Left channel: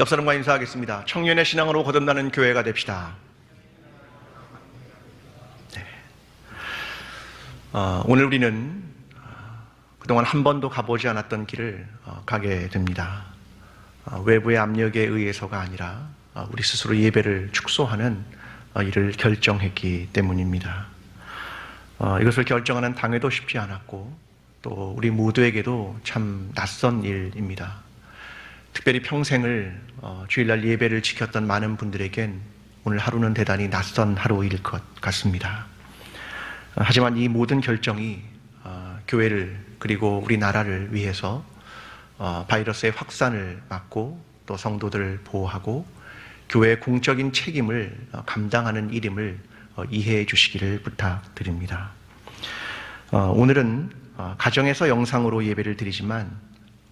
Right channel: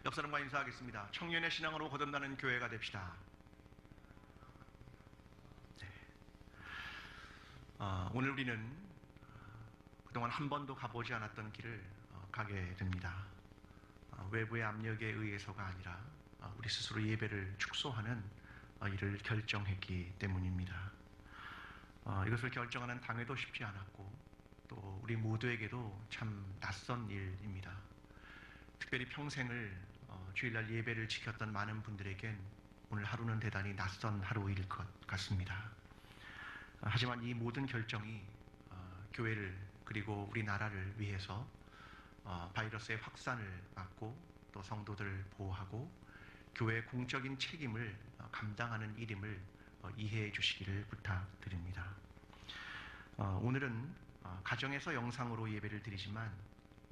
옆 사람과 인사하겠습니다. 청년의 신앙으로 거듭나는 교회가 됩시다. 네. 오늘 우리는 그동안 한 번도 가보지 않았던 길을 가게 됩니다. 외부의 압력에 의해서가 아니라 우리 스스로 예배를 축소하는 일을 결정했기 때문입니다. 이것을 결정하는 당회도 쉽지 않았고 또 우리 모두에게도 참 낯선 일입니다. 특별히 평생을 주일날 예배를 지켰던 많은 분들에겐 오늘 하루는 대단히 낯선 하루일 것 같습니다. 하지만 이 모든 결정이 교회를 그리고 우리나라를 위해서 바이러스의 확산을 막고 또 성도들을 보호하고 교회의 공적인 책임을 감당하는 일임을 이해해 주시기를 부탁드립니다. 오늘은 가정에서 영상으로 예배를 드리지만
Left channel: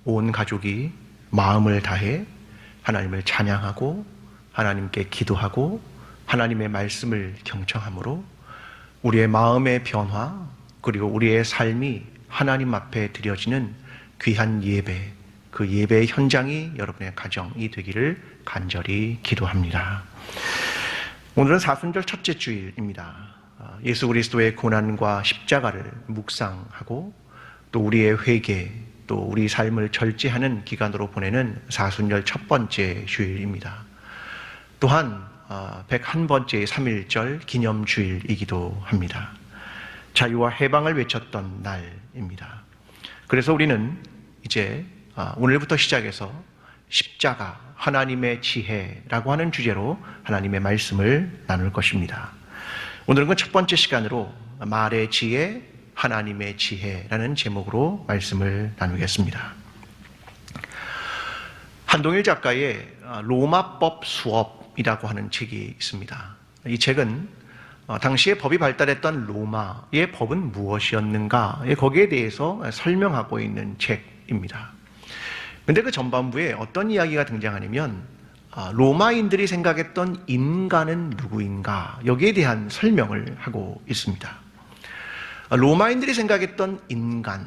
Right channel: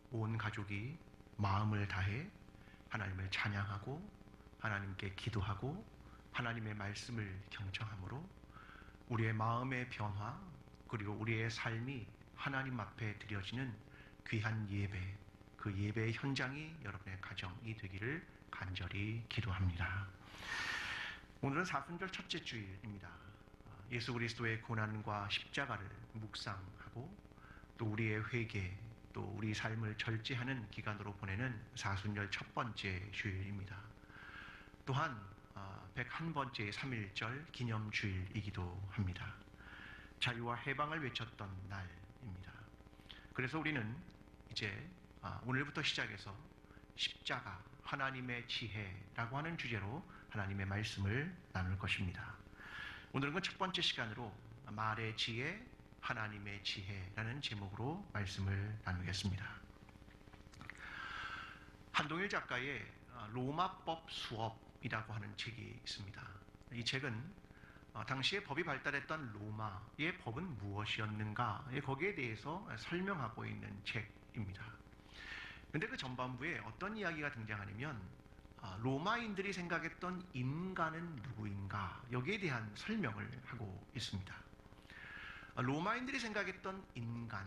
온 가족이 마음을 다해 하나님을 찬양하고 하나님께 기도하고 하나님의 말씀을 경청함으로 우리의 마음의 변화 그리고 우리의 삶이 하나님 앞에 드려지는 귀한 예배, 그 예배의 현장이 여러분의 가정이 되기를 간절히 기도합니다. 오늘은 사순절 첫째 주일입니다. 예수 그리스도의 고난과 십자가를 묵상하고 또 우리의 회개, 또 우리 삶을 절제하는 기간으로 보내는 사순절 첫 번째 주일입니다. 또한 101번째 3.1절 기념주일이기도 합니다. 자유와 해방을 외쳤던 날입니다. 그래서 우리는 이제 오늘부터 시작해서 십자가, 하나님의 지혜라고 하는 주제로 하나님의 말씀을 나눌 것입니다. 오늘은 그 첫 번째 시간으로 말의 지혜, 하나님의 지혜라는 제목으로 말씀을 나누겠습니다. 한동일 작가의 로마법 수업이라고 하는 책이 있습니다. 이 책은 당시에 법이 발달했던 로마의 법은 무엇이었는가 거기에 대해서 설명하고 있는 책입니다. 그런데 그 전반부에 어떤 이야기가 등장하냐면 로마인들이 생각했던 인간은 누구인가 여기에 대한 설명을 하고 있습니다. 로마인들이 생각했던 인간,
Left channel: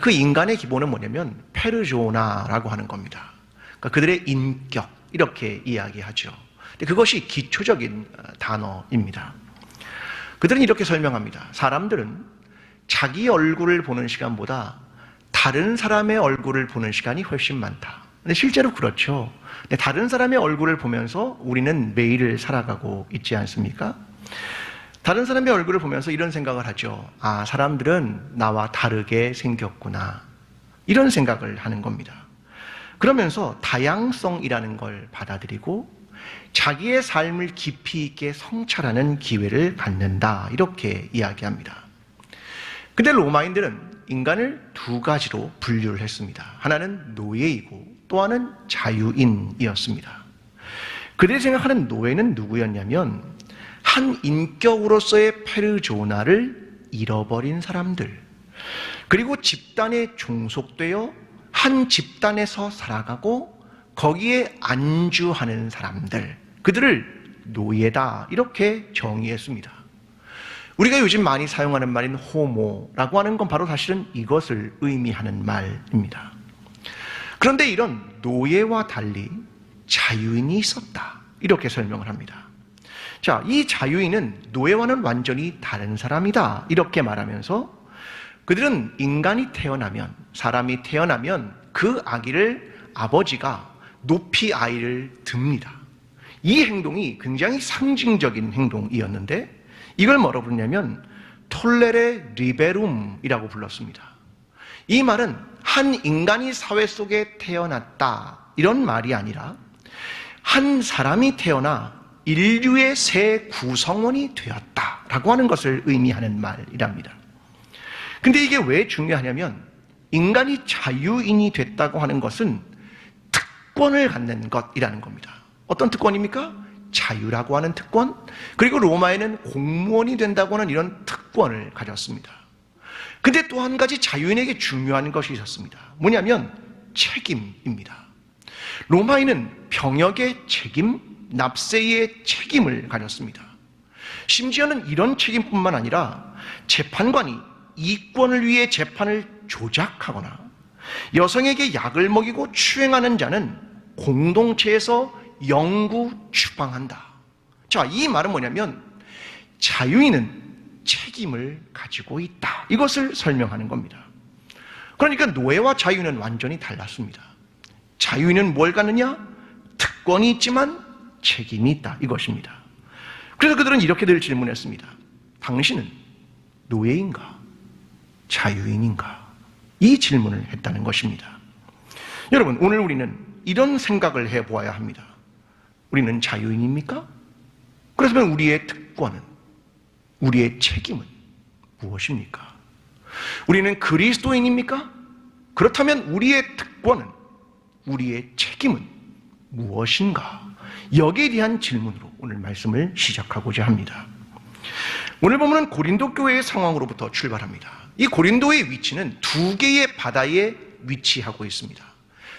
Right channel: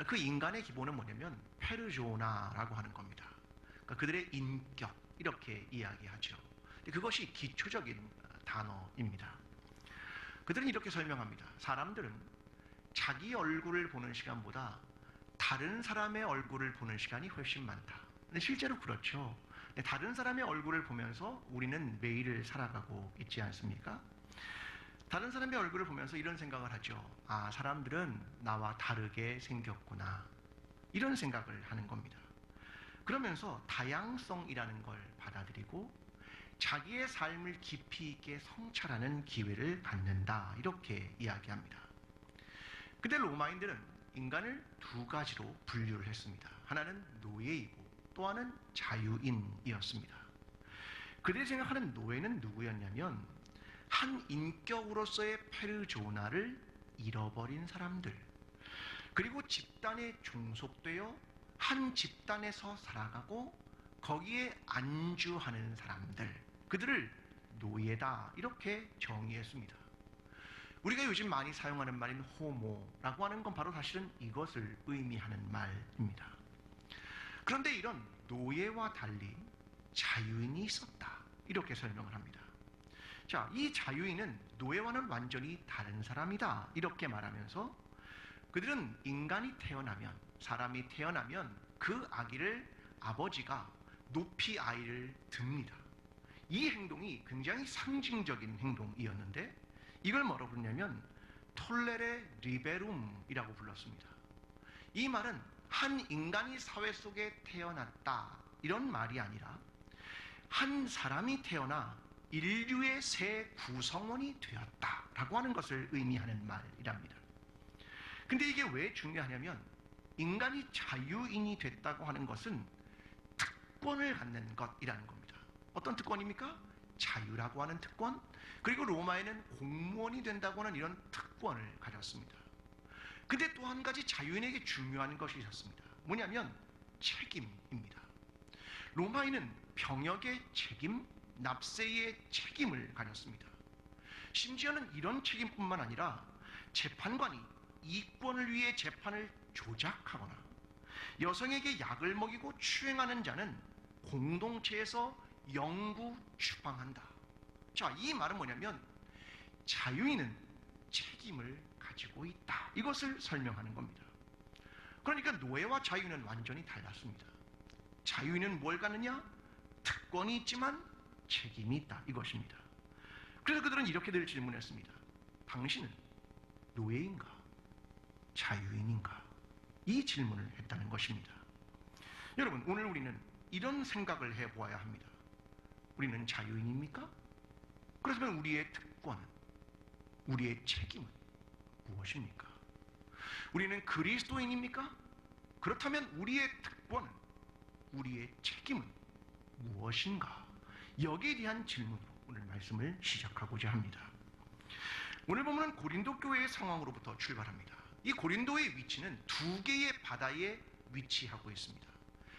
그 인간의 기본은 뭐냐면 페르소나라고 하는 겁니다. 그러니까 그들의 인격 이렇게 이야기하죠. 근데 그것이 기초적인 단어입니다. 그들은 이렇게 설명합니다. 사람들은 자기 얼굴을 보는 시간보다 다른 사람의 얼굴을 보는 시간이 훨씬 많다. 근데 실제로 그렇죠. 근데 다른 사람의 얼굴을 보면서 우리는 매일을 살아가고 있지 않습니까? 다른 사람의 얼굴을 보면서 이런 생각을 하죠. 아, 사람들은 나와 다르게 생겼구나. 이런 생각을 하는 겁니다. 그러면서 다양성이라는 걸 받아들이고 자기의 삶을 깊이 있게 성찰하는 기회를 갖는다. 이렇게 이야기합니다. 근데 로마인들은 인간을 두 가지로 분류를 했습니다. 하나는 노예이고 또 하나는 자유인이었습니다. 그들이 생각하는 노예는 누구였냐면 한 인격으로서의 페르소나를 잃어버린 사람들, 그리고 집단에 종속되어 한 집단에서 살아가고 거기에 안주하는 사람들, 그들을 노예다 이렇게 정의했습니다. 우리가 요즘 많이 사용하는 말인 호모라고 하는 건 바로 사실은 이것을 의미하는 말입니다. 그런데 이런 노예와 달리 자유인이 있었다 이렇게 설명을 합니다. 자, 이 자유인은 노예와는 완전히 다른 사람이다 이렇게 말하면서 그들은 인간이 태어나면, 사람이 태어나면 그 아기를 아버지가 높이 아이를 듭니다. 이 행동이 굉장히 상징적인 행동이었는데 이걸 뭐라고 부르냐면 톨레레 리베룸이라고 불렀습니다. 이 말은 한 인간이 사회 속에 태어났다 이런 말이 아니라 한 사람이 태어나 인류의 새 구성원이 되었다라고 하는 것을 의미하는 말이랍니다. 근데 이게 왜 중요하냐면 인간이 자유인이 됐다고 하는 것은 특권을 갖는 것이라는 겁니다. 어떤 특권입니까? 자유라고 하는 특권, 그리고 로마에는 공무원이 된다고 하는 이런 특권을 가졌습니다. 근데 또 한 가지 자유인에게 중요한 것이 있었습니다. 뭐냐면 책임입니다. 로마인은 병역의 책임, 납세의 책임을 가졌습니다. 심지어는 이런 책임뿐만 아니라 재판관이 이권을 위해 재판을 조작하거나 여성에게 약을 먹이고 추행하는 자는 공동체에서 영구 추방한다. 자, 이 말은 뭐냐면 자유인은 책임을 가지고 있다. 이것을 설명하는 겁니다. 그러니까 노예와 자유인은 완전히 달랐습니다. 자유인은 뭘 갖느냐? 특권이 있지만 책임이 있다. 이것입니다. 그래서 그들은 이렇게 늘 질문했습니다. 당신은 노예인가? 자유인인가? 이 질문을 했다는 것입니다. 여러분, 오늘 우리는 이런 생각을 해보아야 합니다. 우리는 자유인입니까? 그렇다면 우리의 특권은, 우리의 책임은 무엇입니까? 우리는 그리스도인입니까? 그렇다면 우리의 특권은, 우리의 책임은 무엇인가? 여기에 대한 질문으로 오늘 말씀을 시작하고자 합니다. 오늘 보면은 고린도 교회의 상황으로부터 출발합니다. 이 고린도의 위치는 두 개의 바다에 위치하고 있습니다.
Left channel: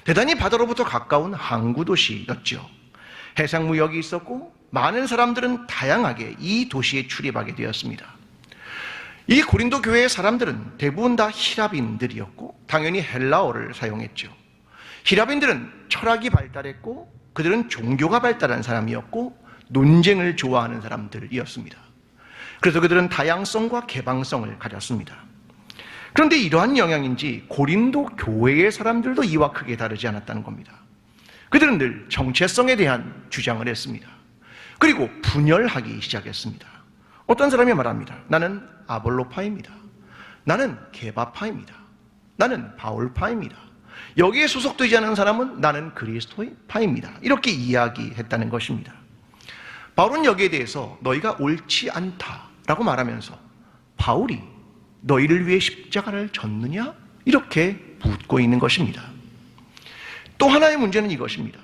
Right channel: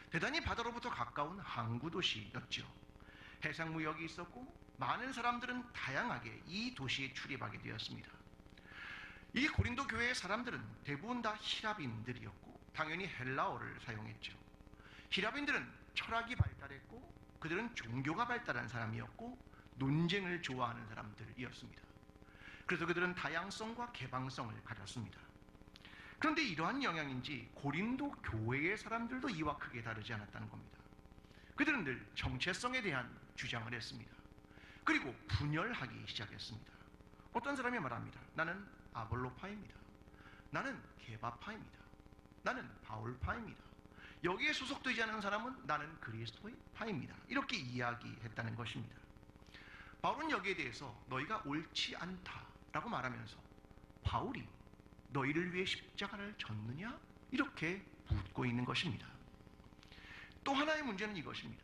대단히 바다로부터 가까운 항구 도시였죠. 해상 무역이 있었고 많은 사람들은 다양하게 이 도시에 출입하게 되었습니다. 이 고린도 교회의 사람들은 대부분 다 히라빈들이었고 당연히 헬라어를 사용했죠. 히라빈들은 철학이 발달했고 그들은 종교가 발달한 사람이었고 논쟁을 좋아하는 사람들이었습니다. 그래서 그들은 다양성과 개방성을 가졌습니다. 그런데 이러한 영향인지 고린도 교회의 사람들도 이와 크게 다르지 않았다는 겁니다. 그들은 늘 정체성에 대한 주장을 했습니다. 그리고 분열하기 시작했습니다. 어떤 사람이 말합니다. 나는 아볼로파입니다. 나는 게바파입니다. 나는 바울파입니다. 여기에 소속되지 않은 사람은 나는 그리스도파입니다. 이렇게 이야기했다는 것입니다. 바울은 여기에 대해서 너희가 옳지 않다라고 말하면서 바울이 너희를 위해 십자가를 졌느냐? 이렇게 묻고 있는 것입니다. 또 하나의 문제는 이것입니다.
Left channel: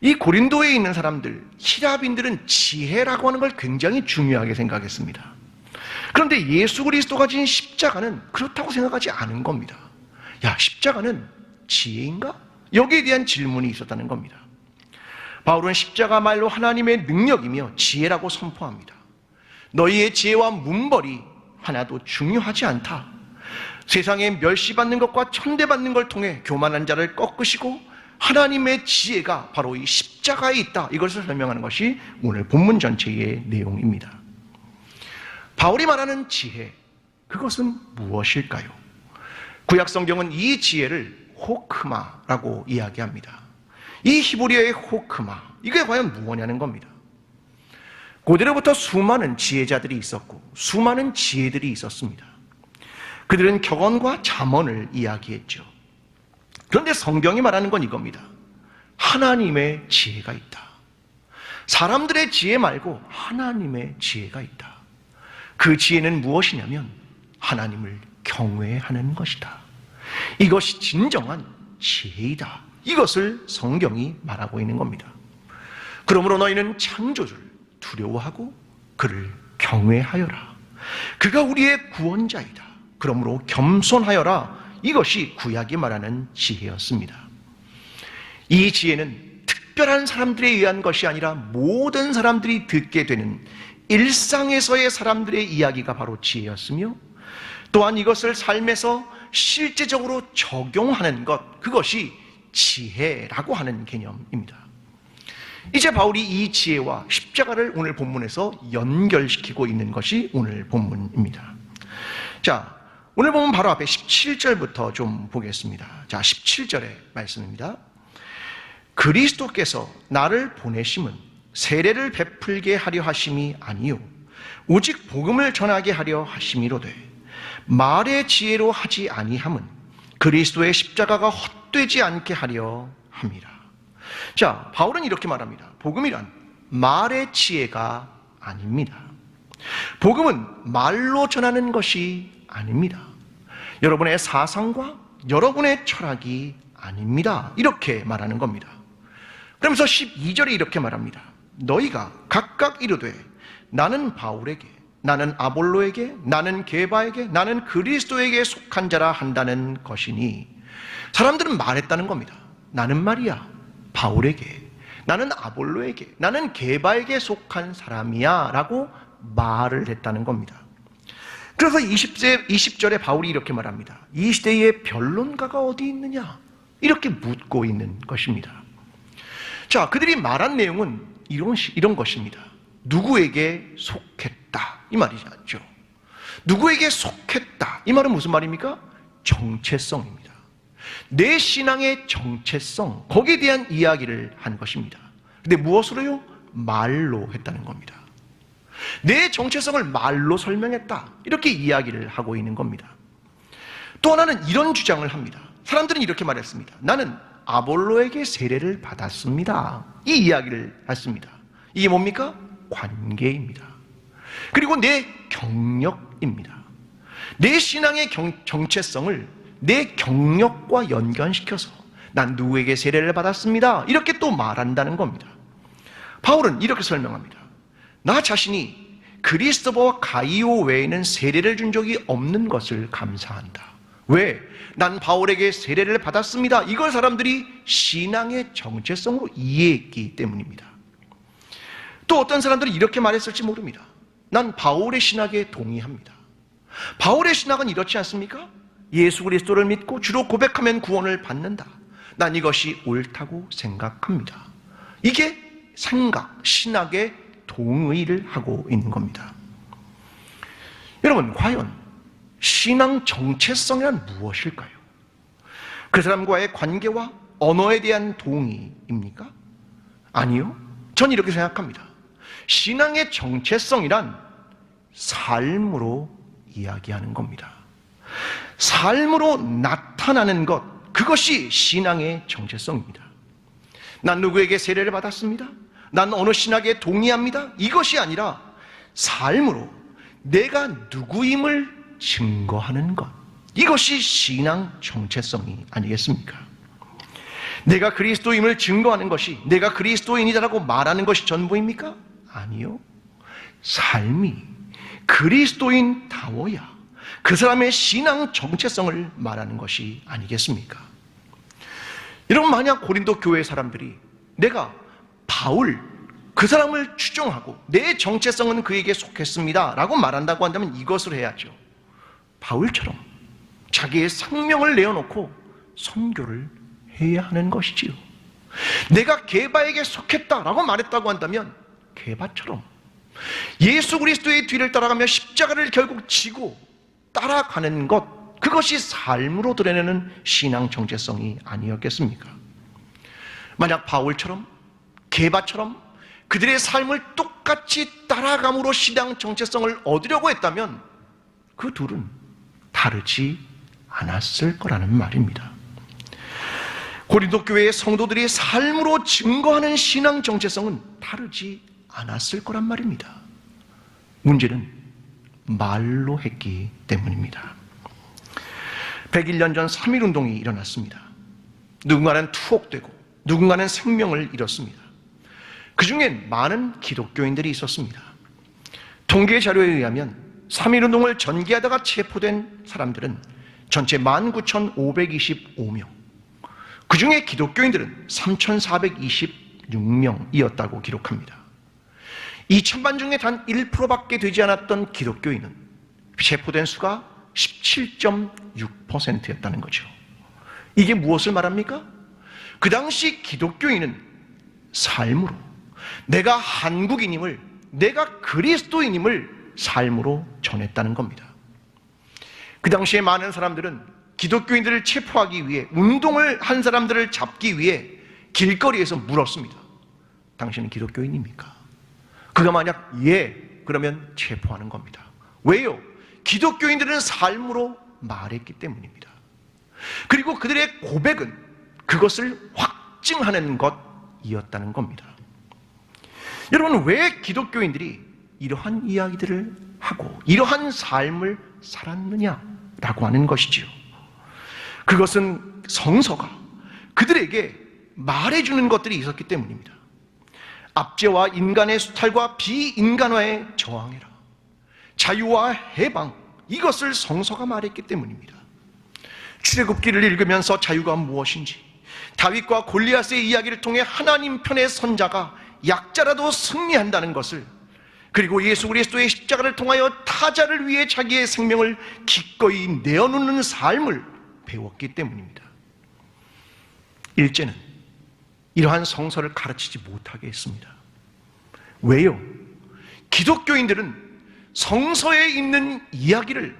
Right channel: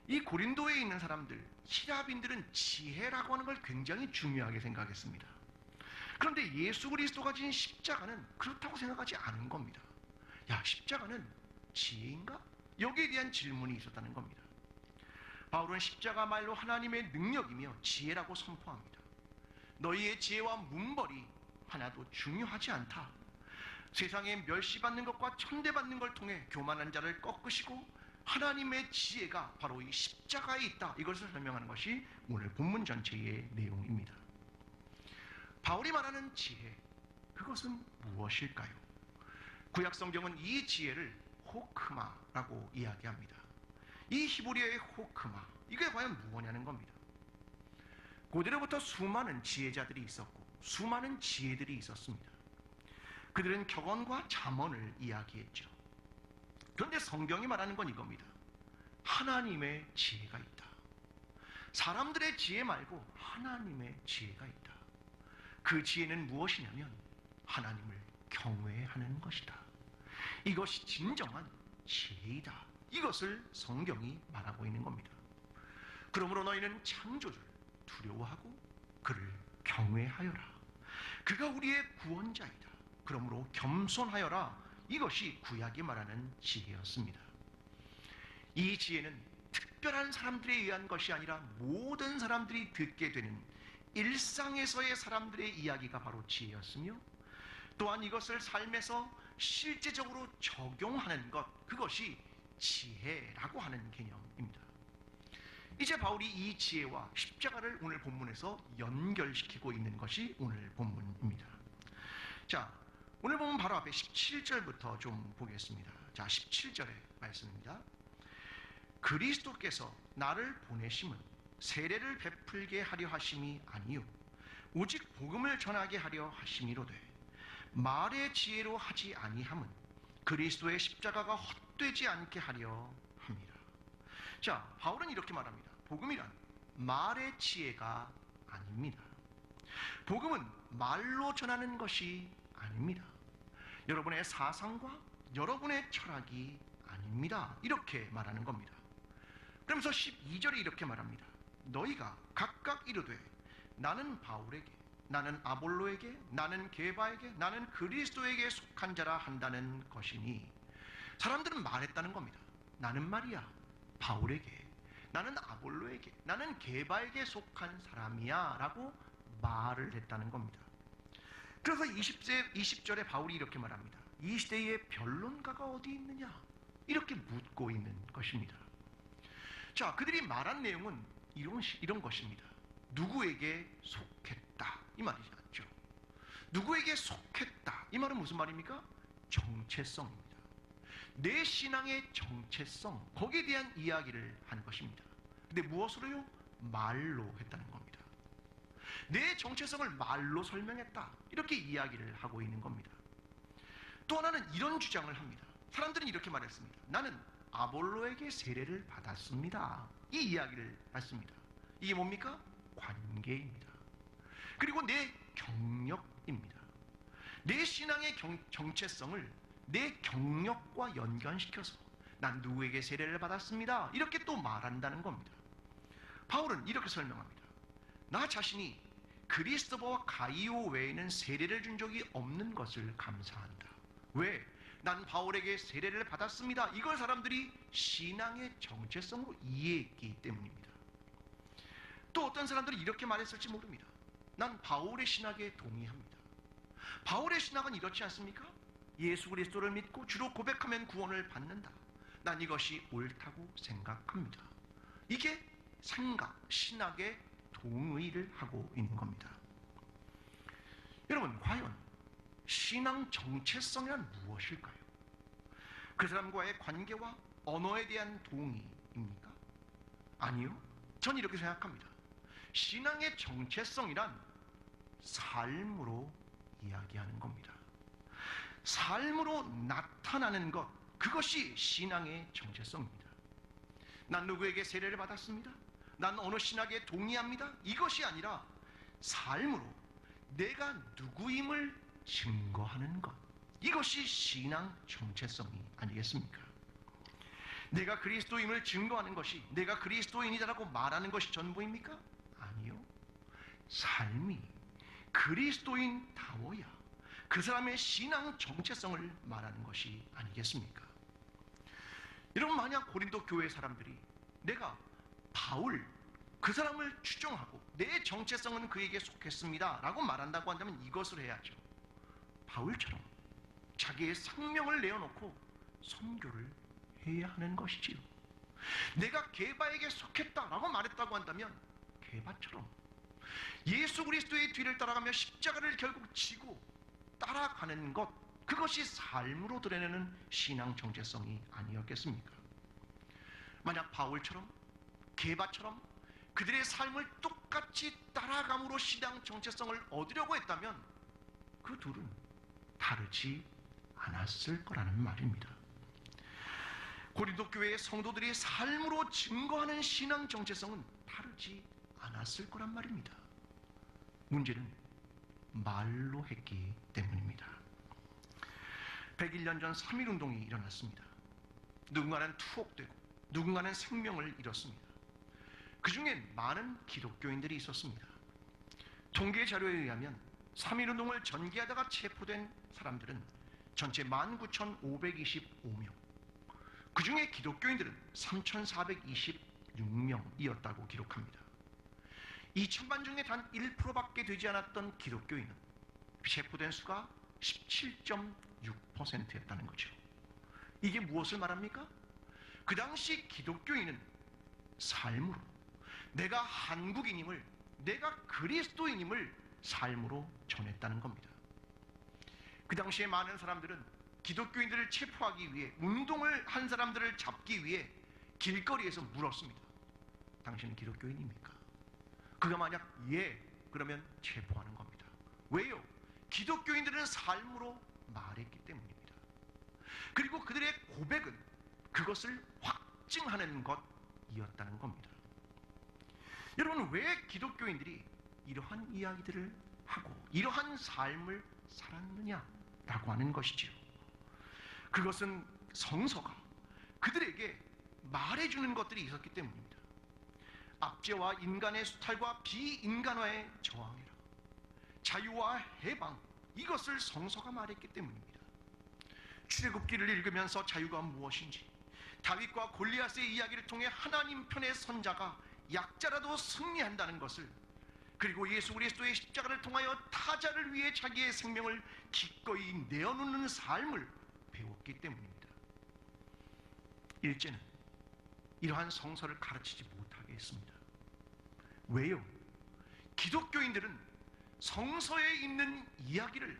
이 고린도에 있는 사람들, 히라빈들은 지혜라고 하는 걸 굉장히 중요하게 생각했습니다. 그런데 예수 그리스도가 진 십자가는 그렇다고 생각하지 않은 겁니다. 야, 십자가는 지혜인가? 여기에 대한 질문이 있었다는 겁니다. 바울은 십자가 말로 하나님의 능력이며 지혜라고 선포합니다. 너희의 지혜와 문벌이 하나도 중요하지 않다. 세상에 멸시받는 것과 천대받는 걸 통해 교만한 자를 꺾으시고 하나님의 지혜가 바로 이 십자가에 있다. 이것을 설명하는 것이 오늘 본문 전체의 내용입니다. 바울이 말하는 지혜, 그것은 무엇일까요? 구약 성경은 이 지혜를 호크마라고 이야기합니다. 이 히브리어의 호크마, 이게 과연 무엇냐는 겁니다. 고대로부터 수많은 지혜자들이 있었고 수많은 지혜들이 있었습니다. 그들은 격언과 잠언을 이야기했죠. 그런데 성경이 말하는 건 이겁니다. 하나님의 지혜가 있다. 사람들의 지혜 말고 하나님의 지혜가 있다. 그 지혜는 무엇이냐면 하나님을 경외하는 것이다. 이것이 진정한 지혜이다. 이것을 성경이 말하고 있는 겁니다. 그러므로 너희는 창조주를 두려워하고 그를 경외하여라. 그가 우리의 구원자이다. 그러므로 겸손하여라. 이것이 구약이 말하는 지혜였습니다. 이 지혜는 특별한 사람들에 의한 것이 아니라 모든 사람들이 듣게 되는 일상에서의 사람들의 이야기가 바로 지혜였으며 또한 이것을 삶에서 실제적으로 적용하는 것, 그것이 지혜라고 하는 개념입니다. 이제 바울이 이 지혜와 십자가를 오늘 본문에서 연결시키고 있는 것이 오늘 본문입니다. 자, 오늘 본문 바로 앞에 17절부터 좀 보겠습니다. 자, 17절의 말씀입니다. 그리스도께서 나를 보내심은 세례를 베풀게 하려 하심이 아니요 오직 복음을 전하게 하려 하심이로되 말의 지혜로 하지 아니함은 그리스도의 십자가가 헛되지 않게 하려 함이라. 자, 바울은 이렇게 말합니다. 복음이란 말의 지혜가 아닙니다. 복음은 말로 전하는 것이 아닙니다. 여러분의 사상과 여러분의 철학이 아닙니다. 이렇게 말하는 겁니다. 그러면서 12절에 이렇게 말합니다. 너희가 각각 이르되 나는 바울에게, 나는 아볼로에게, 나는 게바에게, 나는 그리스도에게 속한 자라 한다는 것이니, 사람들은 말했다는 겁니다. 나는 말이야 바울에게, 나는 아볼로에게, 나는 게바에게 속한 사람이야 라고 말을 했다는 겁니다. 그래서 20절에 바울이 이렇게 말합니다. 이 시대에 변론가가 어디 있느냐? 이렇게 묻고 있는 것입니다. 자, 그들이 말한 내용은 이런 것입니다. 누구에게 속했다, 이 말이죠. 누구에게 속했다, 이 말은 무슨 말입니까? 정체성입니다. 내 신앙의 정체성, 거기에 대한 이야기를 한 것입니다. 근데 무엇으로요? 말로 했다는 겁니다. 내 정체성을 말로 설명했다, 이렇게 이야기를 하고 있는 겁니다. 또 하나는 이런 주장을 합니다. 사람들은 이렇게 말했습니다. 나는 아볼로에게 세례를 받았습니다, 이 이야기를 했습니다. 이게 뭡니까? 관계입니다. 그리고 내 경력입니다. 내 신앙의 정체성을 내 경력과 연관시켜서 난 누구에게 세례를 받았습니다, 이렇게 또 말한다는 겁니다. 바울은 이렇게 설명합니다. 나 자신이 그리스도와 가이오 외에는 세례를 준 적이 없는 것을 감사한다. 왜? 난 바울에게 세례를 받았습니다, 이걸 사람들이 신앙의 정체성으로 이해했기 때문입니다. 또 어떤 사람들은 이렇게 말했을지 모릅니다. 난 바울의 신학에 동의합니다. 바울의 신학은 이렇지 않습니까? 예수 그리스도를 믿고 주로 고백하면 구원을 받는다. 난 이것이 옳다고 생각합니다. 이게 생각, 신학의 동의를 하고 있는 겁니다. 여러분, 과연 신앙 정체성이란 무엇일까요? 그 사람과의 관계와 언어에 대한 동의입니까? 아니요. 전 이렇게 생각합니다. 신앙의 정체성이란 삶으로 이야기하는 겁니다. 삶으로 나타나는 것, 그것이 신앙의 정체성입니다. 난 누구에게 세례를 받았습니다, 난 어느 신학에 동의합니다, 이것이 아니라 삶으로 내가 누구임을 증거하는 것, 이것이 신앙 정체성이 아니겠습니까? 내가 그리스도임을 증거하는 것이, 내가 그리스도인이다라고 말하는 것이 전부입니까? 아니요. 삶이 그리스도인다워야 그 사람의 신앙 정체성을 말하는 것이 아니겠습니까? 여러분, 만약 고린도 교회 사람들이 내가 바울, 그 사람을 추종하고 내 정체성은 그에게 속했습니다 라고 말한다고 한다면 이것을 해야죠. 바울처럼 자기의 생명을 내어놓고 선교를 해야 하는 것이지요. 내가 게바에게 속했다라고 말했다고 한다면 게바처럼 예수 그리스도의 뒤를 따라가며 십자가를 결국 지고 따라가는 것, 그것이 삶으로 드러내는 신앙 정체성이 아니었겠습니까? 만약 바울처럼 게바처럼 그들의 삶을 똑같이 따라감으로 신앙 정체성을 얻으려고 했다면 그 둘은 다르지 않았을 거라는 말입니다. 고린도 교회의 성도들이 삶으로 증거하는 신앙 정체성은 다르지 않았을 거란 말입니다. 문제는 말로 했기 때문입니다. 101년 전 3.1운동이 일어났습니다. 누군가는 투옥되고 누군가는 생명을 잃었습니다. 그 중엔 많은 기독교인들이 있었습니다. 통계 자료에 의하면 3.1운동을 전개하다가 체포된 사람들은 전체 19,525명, 그 중에 기독교인들은 3,426명이었다고 기록합니다. 2,000만 중에 단 1%밖에 되지 않았던 기독교인은 체포된 수가 17.6%였다는 거죠. 이게 무엇을 말합니까? 그 당시 기독교인은 삶으로 내가 한국인임을, 내가 그리스도인임을 삶으로 전했다는 겁니다. 그 당시에 많은 사람들은 기독교인들을 체포하기 위해, 운동을 한 사람들을 잡기 위해 길거리에서 물었습니다. 당신은 기독교인입니까? 그가 만약 예, 그러면 체포하는 겁니다. 왜요? 기독교인들은 삶으로 말했기 때문입니다. 그리고 그들의 고백은 그것을 확증하는 것이었다는 겁니다. 여러분, 왜 기독교인들이 이러한 이야기들을 하고 이러한 삶을 살았느냐라고 하는 것이지요. 그것은 성서가 그들에게 말해주는 것들이 있었기 때문입니다. 압제와 인간의 수탈과 비인간화에 저항해라, 자유와 해방, 이것을 성서가 말했기 때문입니다. 출애굽기를 읽으면서 자유가 무엇인지, 다윗과 골리앗의 이야기를 통해 하나님 편의 선자가 약자라도 승리한다는 것을, 그리고 예수 그리스도의 십자가를 통하여 타자를 위해 자기의 생명을 기꺼이 내어놓는 삶을 배웠기 때문입니다. 일제는 이러한 성서를 가르치지 못하게 했습니다. 왜요? 기독교인들은 성서에 있는 이야기를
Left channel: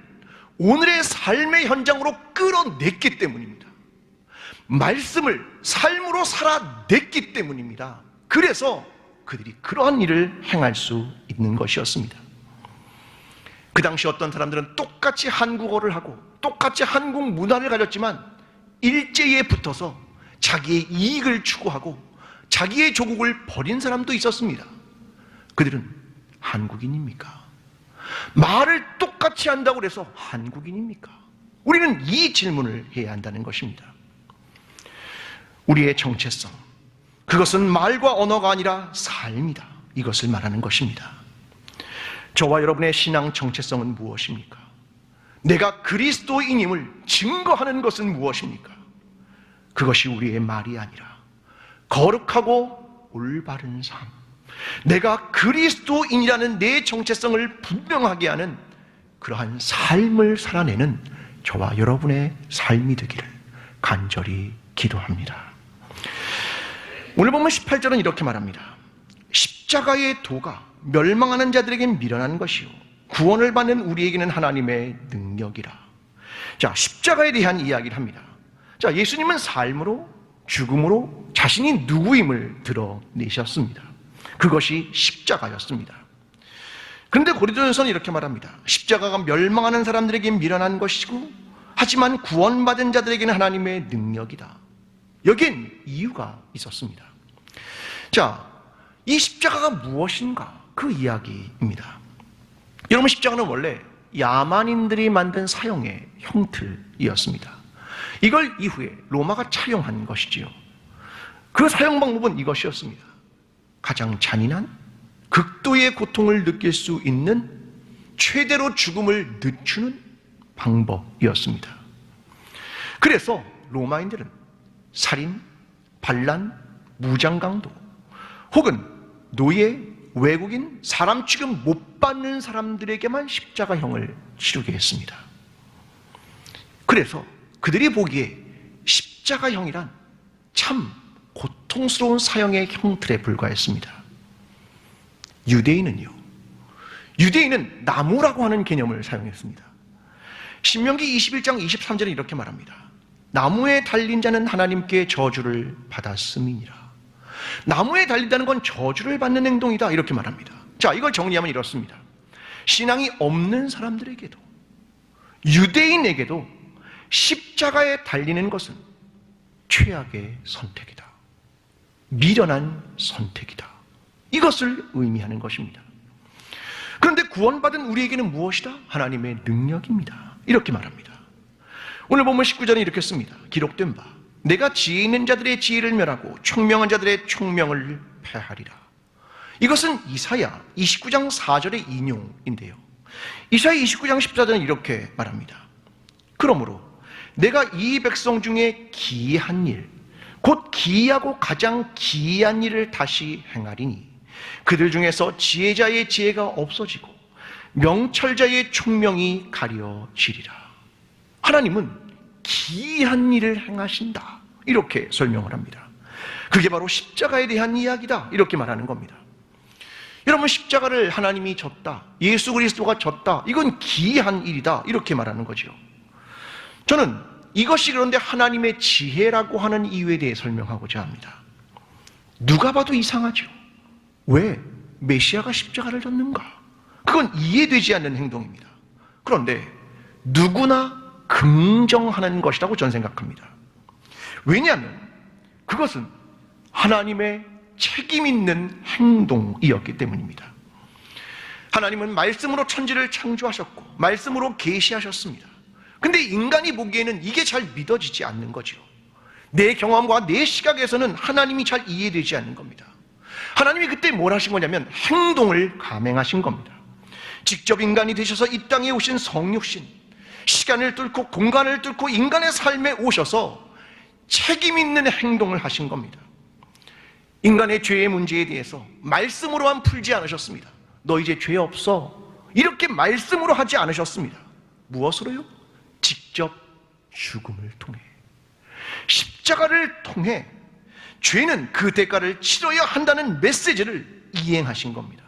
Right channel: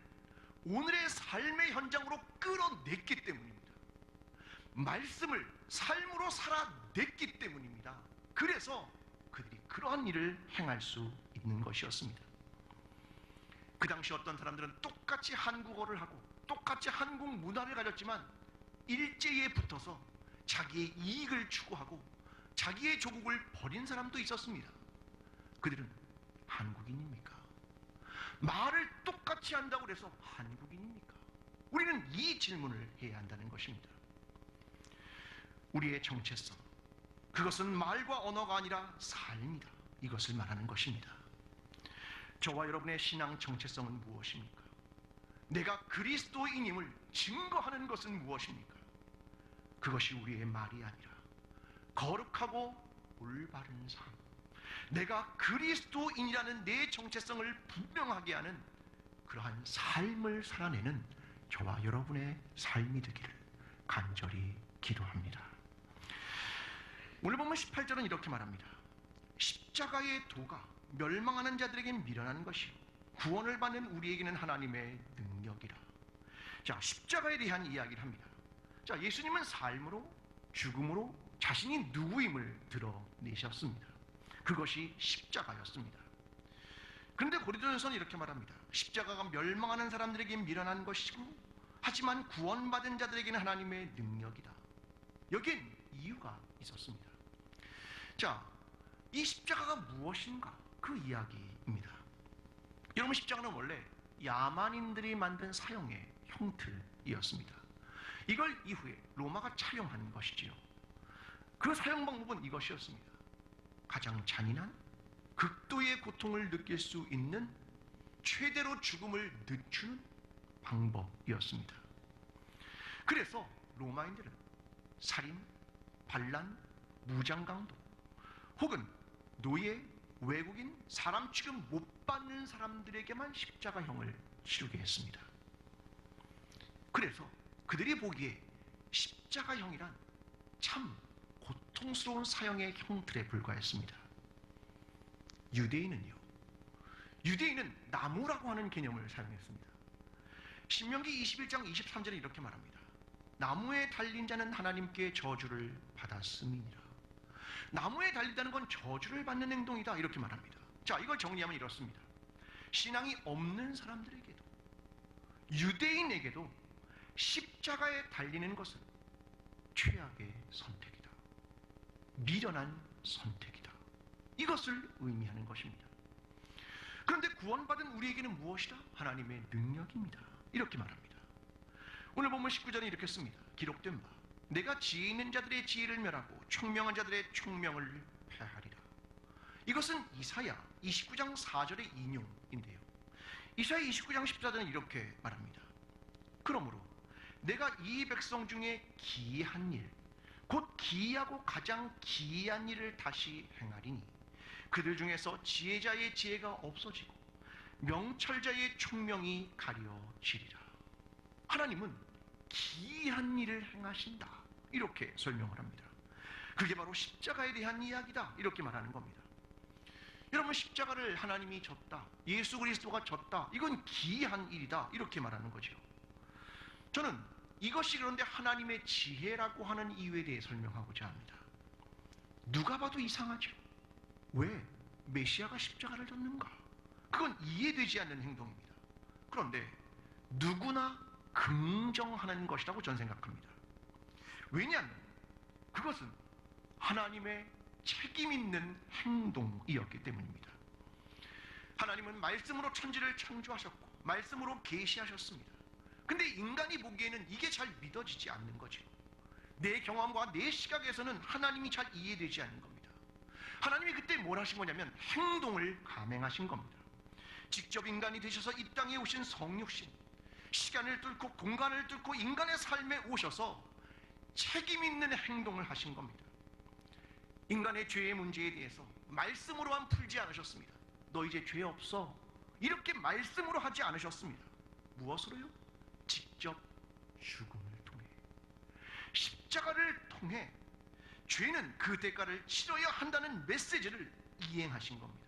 오늘의 삶의 현장으로 끌어냈기 때문입니다. 말씀을 삶으로 살아냈기 때문입니다. 그래서 그들이 그러한 일을 행할 수 있는 것이었습니다. 그 당시 어떤 사람들은 똑같이 한국어를 하고 똑같이 한국 문화를 가졌지만 일제에 붙어서 자기의 이익을 추구하고 자기의 조국을 버린 사람도 있었습니다. 그들은 한국인입니까? 말을 똑같이 한다고 해서 한국인입니까? 우리는 이 질문을 해야 한다는 것입니다. 우리의 정체성, 그것은 말과 언어가 아니라 삶이다. 이것을 말하는 것입니다. 저와 여러분의 신앙 정체성은 무엇입니까? 내가 그리스도인임을 증거하는 것은 무엇입니까? 그것이 우리의 말이 아니라 거룩하고 올바른 삶, 내가 그리스도인이라는 내 정체성을 분명하게 하는 그러한 삶을 살아내는 저와 여러분의 삶이 되기를 간절히 기도합니다. 오늘 보면 18절은 이렇게 말합니다. 십자가의 도가 멸망하는 자들에겐 미련한 것이요 구원을 받는 우리에게는 하나님의 능력이라. 자, 십자가에 대한 이야기를 합니다. 자, 예수님은 삶으로 죽음으로 자신이 누구임을 드러내셨습니다. 그것이 십자가였습니다. 그런데 고린도전서는 이렇게 말합니다. 십자가가 멸망하는 사람들에겐 미련한 것이고 하지만 구원받은 자들에게는 하나님의 능력이다. 여기엔 이유가 있었습니다. 자, 이 십자가가 무엇인가? 그 이야기입니다. 여러분, 십자가는 원래 야만인들이 만든 사형의 형틀이었습니다. 이걸 이후에 로마가 차용한 것이지요. 그 사용 방법은 이것이었습니다. 가장 잔인한 극도의 고통을 느낄 수 있는 최대로 죽음을 늦추는 방법이었습니다. 그래서 로마인들은 살인, 반란, 무장강도 혹은 노예, 외국인, 사람 취급 못 받는 사람들에게만 십자가형을 치르게 했습니다. 그래서 그들이 보기에 십자가형이란 참 고통스러운 사형의 형틀에 불과했습니다. 유대인은 나무라고 하는 개념을 사용했습니다. 신명기 21장 23절에 이렇게 말합니다. 나무에 달린 자는 하나님께 저주를 받았음이니라. 나무에 달린다는 건 저주를 받는 행동이다, 이렇게 말합니다. 자, 이걸 정리하면 이렇습니다. 신앙이 없는 사람들에게도, 유대인에게도 십자가에 달리는 것은 최악의 선택이다. 미련한 선택이다. 이것을 의미하는 것입니다. 그런데 구원받은 우리에게는 무엇이다? 하나님의 능력입니다. 이렇게 말합니다. 오늘 보면 19절에 이렇게 씁니다. 기록된 바 내가 지혜 있는 자들의 지혜를 멸하고 총명한 자들의 총명을 패하리라. 이것은 이사야 29장 4절의 인용인데요. 이사야 29장 14절은 이렇게 말합니다. 그러므로 내가 이 백성 중에 기이한 일, 곧 기이하고 가장 기이한 일을 다시 행하리니 그들 중에서 지혜자의 지혜가 없어지고 명철자의 총명이 가려지리라. 하나님은 기이한 일을 행하신다, 이렇게 설명을 합니다. 그게 바로 십자가에 대한 이야기다, 이렇게 말하는 겁니다. 여러분, 십자가를 하나님이 졌다, 예수 그리스도가 졌다, 이건 기이한 일이다, 이렇게 말하는 거죠. 저는 이것이 그런데 하나님의 지혜라고 하는 이유에 대해 설명하고자 합니다. 누가 봐도 이상하죠. 왜 메시아가 십자가를 졌는가? 그건 이해되지 않는 행동입니다. 그런데 누구나 긍정하는 것이라고 저는 생각합니다. 왜냐하면 그것은 하나님의 책임 있는 행동이었기 때문입니다. 하나님은 말씀으로 천지를 창조하셨고 말씀으로 계시하셨습니다. 근데 인간이 보기에는 이게 잘 믿어지지 않는 거죠. 내 경험과 내 시각에서는 하나님이 잘 이해되지 않는 겁니다. 하나님이 그때 뭘 하신 거냐면 행동을 감행하신 겁니다. 직접 인간이 되셔서 이 땅에 오신 성육신, 시간을 뚫고 공간을 뚫고 인간의 삶에 오셔서 책임 있는 행동을 하신 겁니다. 인간의 죄의 문제에 대해서 말씀으로만 풀지 않으셨습니다. 너 이제 죄 없어, 이렇게 말씀으로 하지 않으셨습니다. 무엇으로요? 직접 죽음을 통해, 십자가를 통해 죄는 그 대가를 치러야 한다는 메시지를 이행하신 겁니다.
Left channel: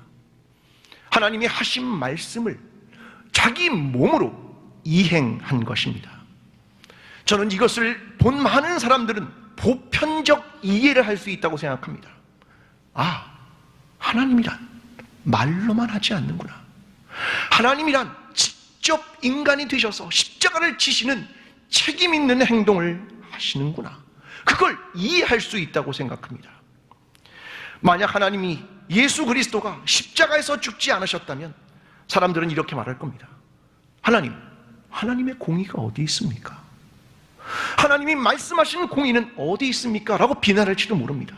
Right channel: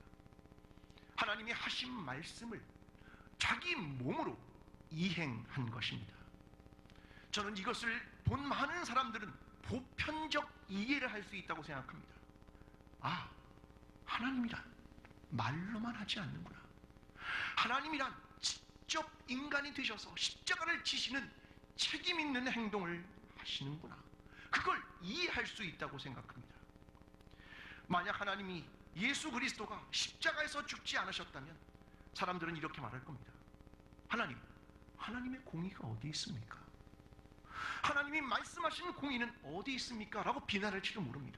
하나님이 하신 말씀을 자기 몸으로 이행한 것입니다. 저는 이것을 본 많은 사람들은 보편적 이해를 할 수 있다고 생각합니다. 아, 하나님이란 말로만 하지 않는구나. 하나님이란 직접 인간이 되셔서 십자가를 지시는 책임 있는 행동을 하시는구나. 그걸 이해할 수 있다고 생각합니다. 만약 하나님이 예수 그리스도가 십자가에서 죽지 않으셨다면 사람들은 이렇게 말할 겁니다. 하나님, 하나님의 공의가 어디 있습니까? 하나님이 말씀하신 공의는 어디 있습니까? 라고 비난할지도 모릅니다.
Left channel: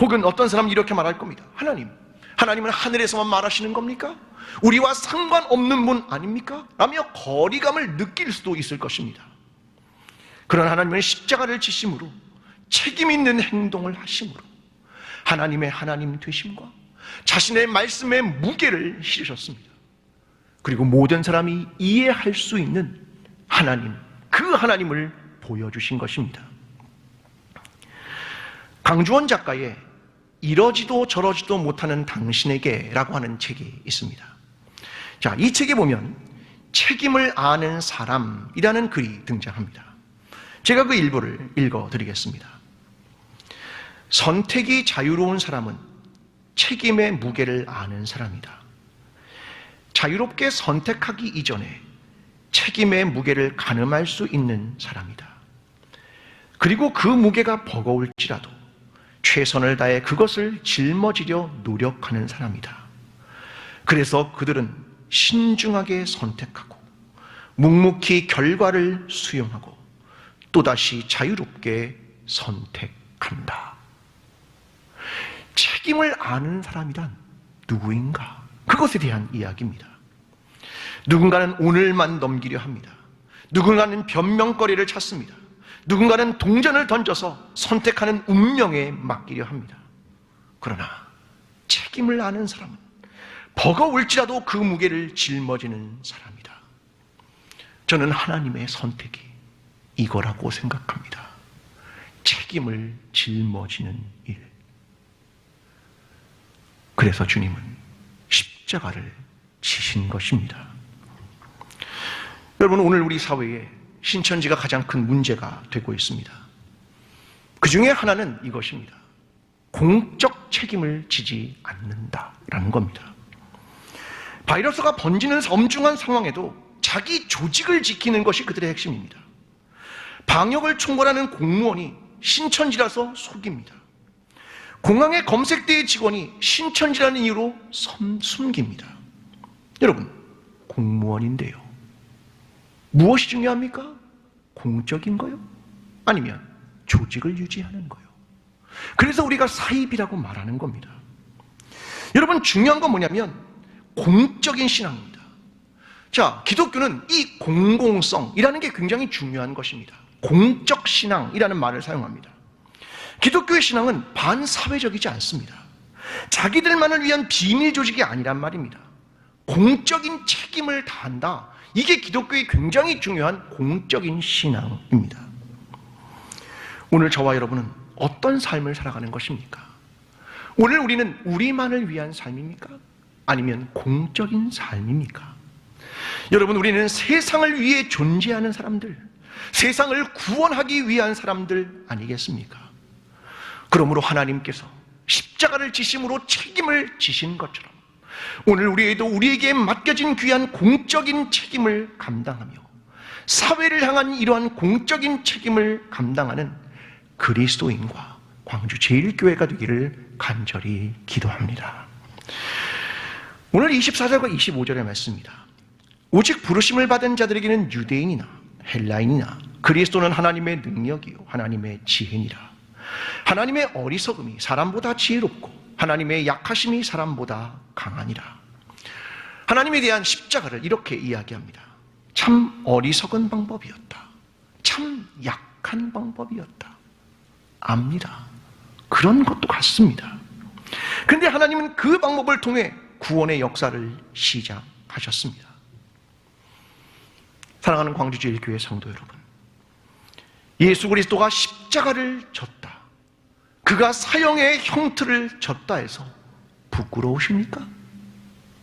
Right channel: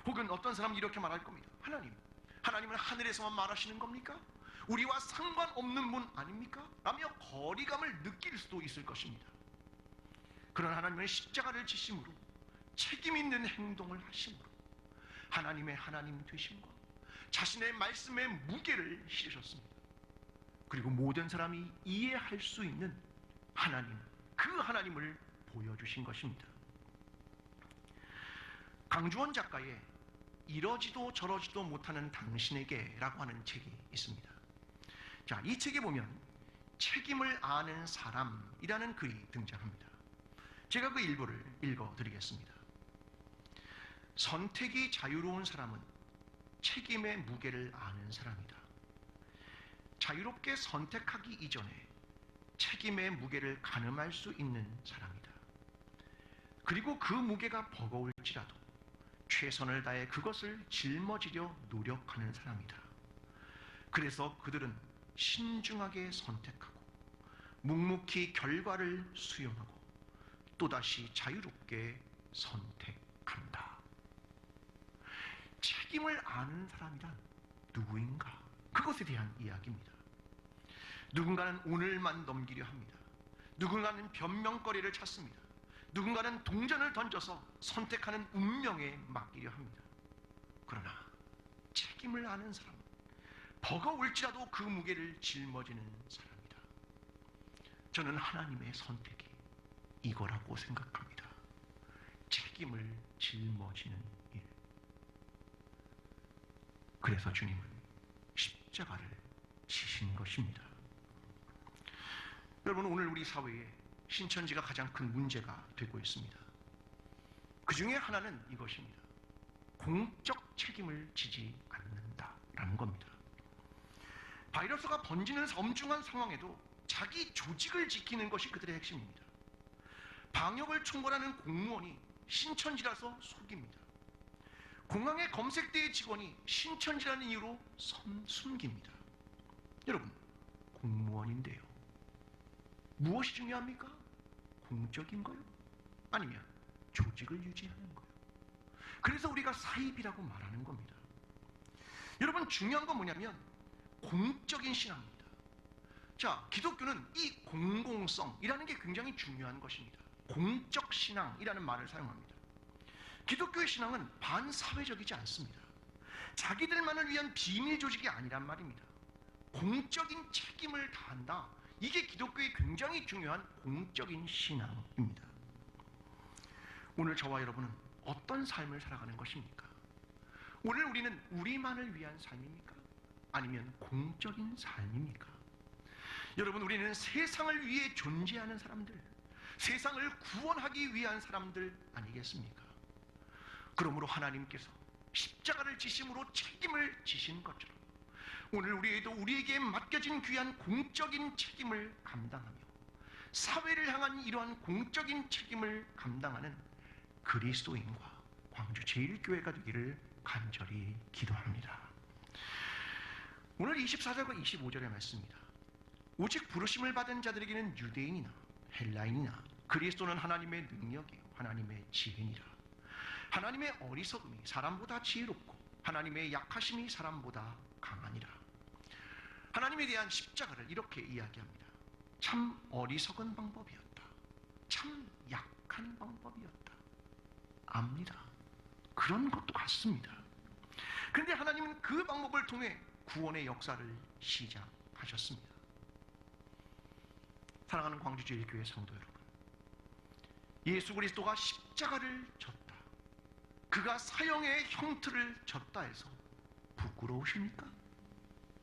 혹은 어떤 사람은 이렇게 말할 겁니다. 하나님은 하늘에서만 말하시는 겁니까? 우리와 상관없는 분 아닙니까? 라며 거리감을 느낄 수도 있을 것입니다. 그런 하나님은 십자가를 지심으로 책임 있는 행동을 하심으로 하나님의 하나님 되심과 자신의 말씀의 무게를 실으셨습니다. 그리고 모든 사람이 이해할 수 있는 하나님, 그 하나님을 보여주신 것입니다. 강주원 작가의 이러지도 저러지도 못하는 당신에게 라고 하는 책이 있습니다. 자, 이 책에 보면 책임을 아는 사람이라는 글이 등장합니다. 제가 그 일부를 읽어드리겠습니다. 선택이 자유로운 사람은 책임의 무게를 아는 사람이다. 자유롭게 선택하기 이전에 책임의 무게를 가늠할 수 있는 사람이다. 그리고 그 무게가 버거울지라도 최선을 다해 그것을 짊어지려 노력하는 사람이다. 그래서 그들은 신중하게 선택하고 묵묵히 결과를 수용하고 또다시 자유롭게 선택한다. 책임을 아는 사람이란 누구인가? 그것에 대한 이야기입니다. 누군가는 오늘만 넘기려 합니다. 누군가는 변명거리를 찾습니다. 누군가는 동전을 던져서 선택하는 운명에 맡기려 합니다. 그러나 책임을 아는 사람은 버거울지라도 그 무게를 짊어지는 사람이다. 저는 하나님의 선택이 이거라고 생각합니다. 책임을 짊어지는 일. 그래서 주님은 십자가를 지신 것입니다. 여러분, 오늘 우리 사회에 신천지가 가장 큰 문제가 되고 있습니다. 그 중에 하나는 이것입니다. 공적 책임을 지지 않는다라는 겁니다. 바이러스가 번지는 엄중한 상황에도 자기 조직을 지키는 것이 그들의 핵심입니다. 방역을 총괄하는 공무원이 신천지라서 속입니다. 공항의 검색대의 직원이 신천지라는 이유로 숨깁니다. 여러분, 공무원인데요. 무엇이 중요합니까? 공적인 거요? 아니면 조직을 유지하는 거요? 그래서 우리가 사입이라고 말하는 겁니다. 여러분, 중요한 건 뭐냐면 공적인 신앙입니다. 자, 기독교는 이 공공성이라는 게 굉장히 중요한 것입니다. 공적 신앙이라는 말을 사용합니다. 기독교의 신앙은 반사회적이지 않습니다. 자기들만을 위한 비밀 조직이 아니란 말입니다. 공적인 책임을 다한다. 이게 기독교의 굉장히 중요한 공적인 신앙입니다. 오늘 저와 여러분은 어떤 삶을 살아가는 것입니까? 오늘 우리는 우리만을 위한 삶입니까? 아니면 공적인 삶입니까? 여러분, 우리는 세상을 위해 존재하는 사람들, 세상을 구원하기 위한 사람들 아니겠습니까? 그러므로 하나님께서 십자가를 지심으로 책임을 지신 것처럼 오늘 우리에게 맡겨진 귀한 공적인 책임을 감당하며 사회를 향한 이러한 공적인 책임을 감당하는 그리스도인과 광주 제1교회가 되기를 간절히 기도합니다. 오늘 24절과 25절의 말씀입니다. 오직 부르심을 받은 자들에게는 유대인이나 헬라인이나 그리스도는 하나님의 능력이요 하나님의 지혜니라. 하나님의 어리석음이 사람보다 지혜롭고 하나님의 약하심이 사람보다 강하니라. 하나님에 대한 십자가를 이렇게 이야기합니다. 참 어리석은 방법이었다. 참 약한 방법이었다. 압니다. 그런 것도 같습니다. 그런데 하나님은 그 방법을 통해 구원의 역사를 시작하셨습니다. 사랑하는 광주제일교회 성도 여러분, 예수 그리스도가 십자가를 졌다. 그가 사형의 형틀을 졌다 해서 부끄러우십니까?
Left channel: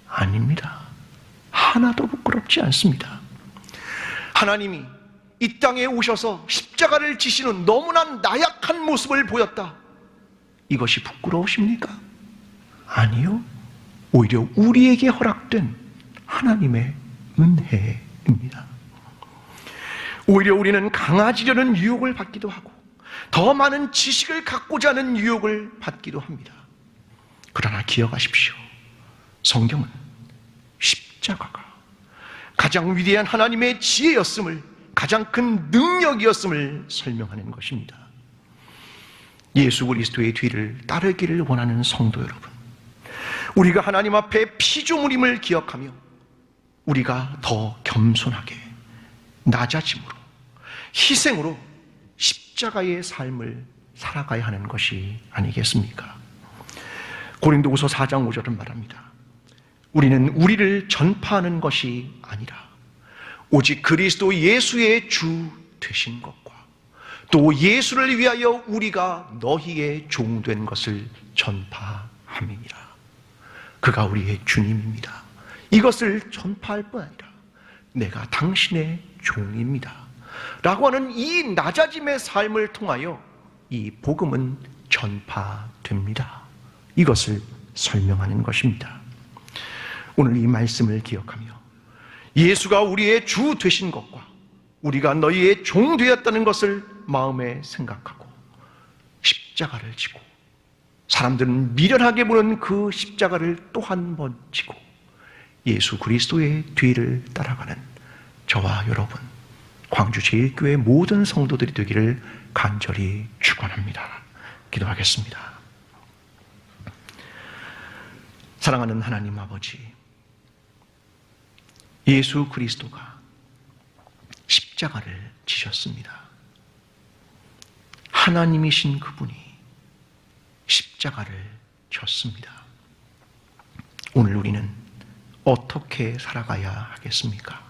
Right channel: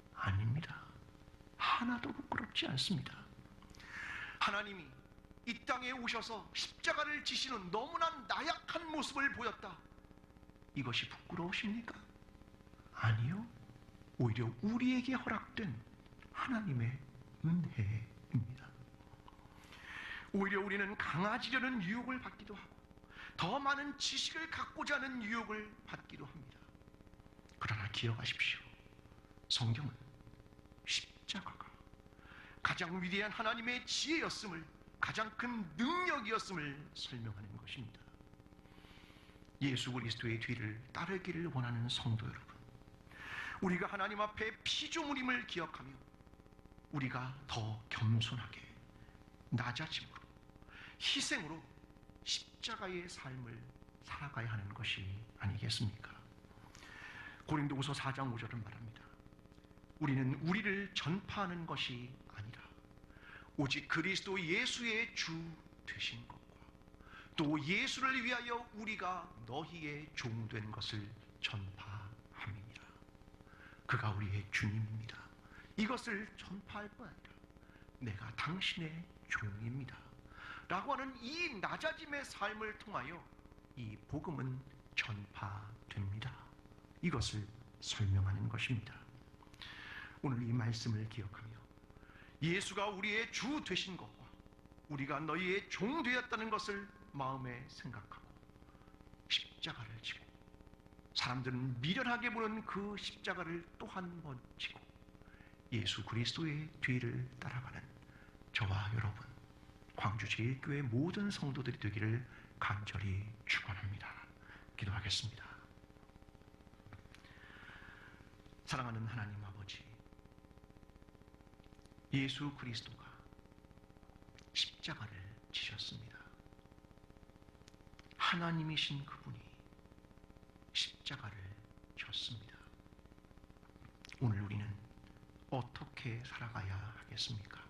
아닙니다. 하나도 부끄럽지 않습니다. 하나님이 이 땅에 오셔서 십자가를 지시는 너무나 나약한 모습을 보였다. 이것이 부끄러우십니까? 아니요. 오히려 우리에게 허락된 하나님의 은혜입니다. 오히려 우리는 강해지려는 유혹을 받기도 하고 더 많은 지식을 갖고자 하는 유혹을 받기도 합니다. 그러나 기억하십시오. 성경은 십자가가 가장 위대한 하나님의 지혜였음을, 가장 큰 능력이었음을 설명하는 것입니다. 예수 그리스도의 뒤를 따르기를 원하는 성도 여러분, 우리가 하나님 앞에 피조물임을 기억하며 우리가 더 겸손하게 낮아짐으로, 희생으로 십자가의 삶을 살아가야 하는 것이 아니겠습니까? 고린도후서 4장 5절은 말합니다. 우리는 우리를 전파하는 것이 아니라 오직 그리스도 예수의 주 되신 것과 또 예수를 위하여 우리가 너희의 종된 것을 전파함이니라. 그가 우리의 주님입니다. 이것을 전파할 뿐 아니라 내가 당신의 종입니다 라고 하는 이 낮아짐의 삶을 통하여 이 복음은 전파됩니다. 이것을 설명하는 것입니다. 오늘 이 말씀을 기억하며 예수가 우리의 주 되신 것과 우리가 너희의 종 되었다는 것을 마음에 생각하고 십자가를 지고, 사람들은 미련하게 보는 그 십자가를 또 한 번 지고 예수 그리스도의 뒤를 따라가는 저와 여러분, 광주제일교회 모든 성도들이 되기를 간절히 축원합니다. 기도하겠습니다. 사랑하는 하나님 아버지, 예수 그리스도가 십자가를 지셨습니다. 하나님이신 그분이 십자가를 졌습니다. 오늘 우리는 어떻게 살아가야 하겠습니까?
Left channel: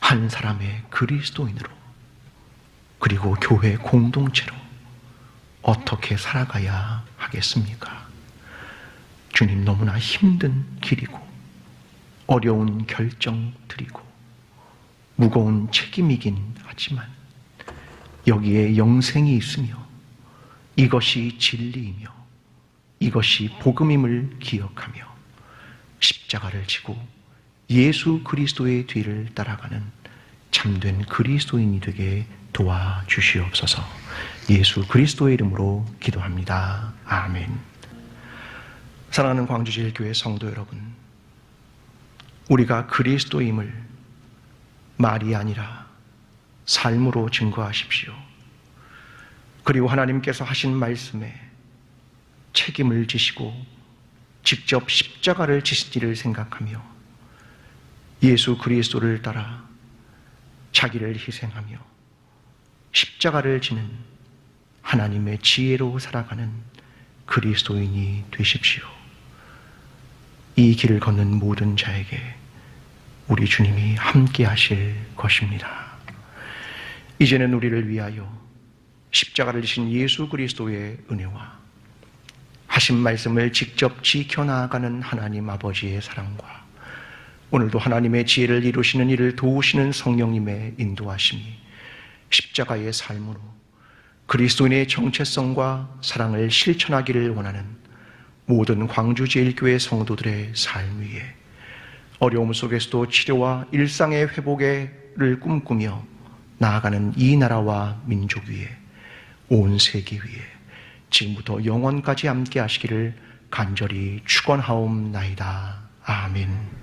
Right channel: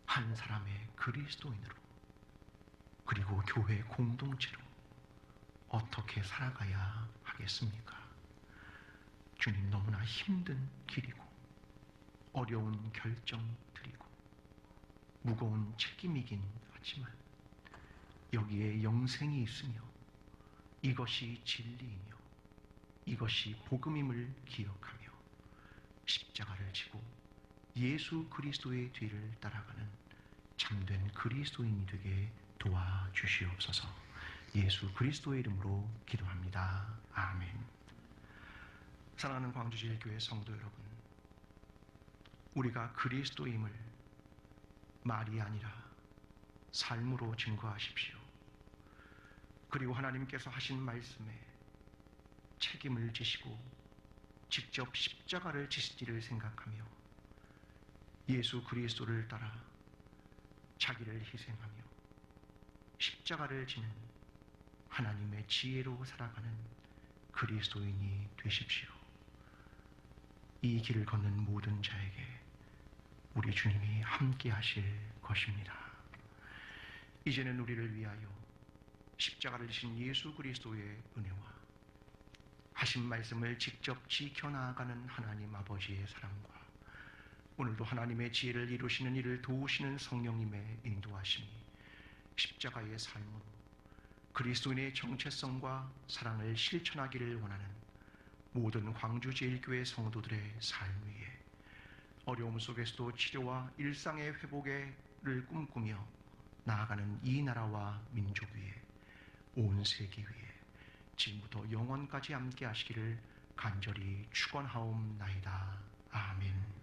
한 사람의 그리스도인으로, 그리고 교회 공동체로 어떻게 살아가야 하겠습니까? 주님, 너무나 힘든 길이고 어려운 결정들이고 무거운 책임이긴 하지만 여기에 영생이 있으며 이것이 진리이며 이것이 복음임을 기억하며 십자가를 지고 예수 그리스도의 뒤를 따라가는 참된 그리스도인이 되게 도와주시옵소서. 예수 그리스도의 이름으로 기도합니다. 아멘. 사랑하는 광주제일교회 성도 여러분, 우리가 그리스도임을 말이 아니라 삶으로 증거하십시오. 그리고 하나님께서 하신 말씀에 책임을 지시고 직접 십자가를 지시기를 생각하며 예수 그리스도를 따라 자기를 희생하며 십자가를 지는 하나님의 지혜로 살아가는 그리스도인이 되십시오. 이 길을 걷는 모든 자에게 우리 주님이 함께 하실 것입니다. 이제는 우리를 위하여 십자가를 지신 예수 그리스도의 은혜와 하신 말씀을 직접 지켜나가는 하나님 아버지의 사랑과 오늘도 하나님의 지혜를 이루시는 이를 도우시는 성령님의 인도하심이 십자가의 삶으로 그리스도인의 정체성과 사랑을 실천하기를 원하는 모든 광주제일교회 성도들의 삶 위에 어려움 속에서도 치료와 일상의 회복을 꿈꾸며 나아가는 이 나라와 민족 위에, 온 세계 위에 지금부터 영원까지 함께 하시기를 간절히 축원하옵나이다. 아멘.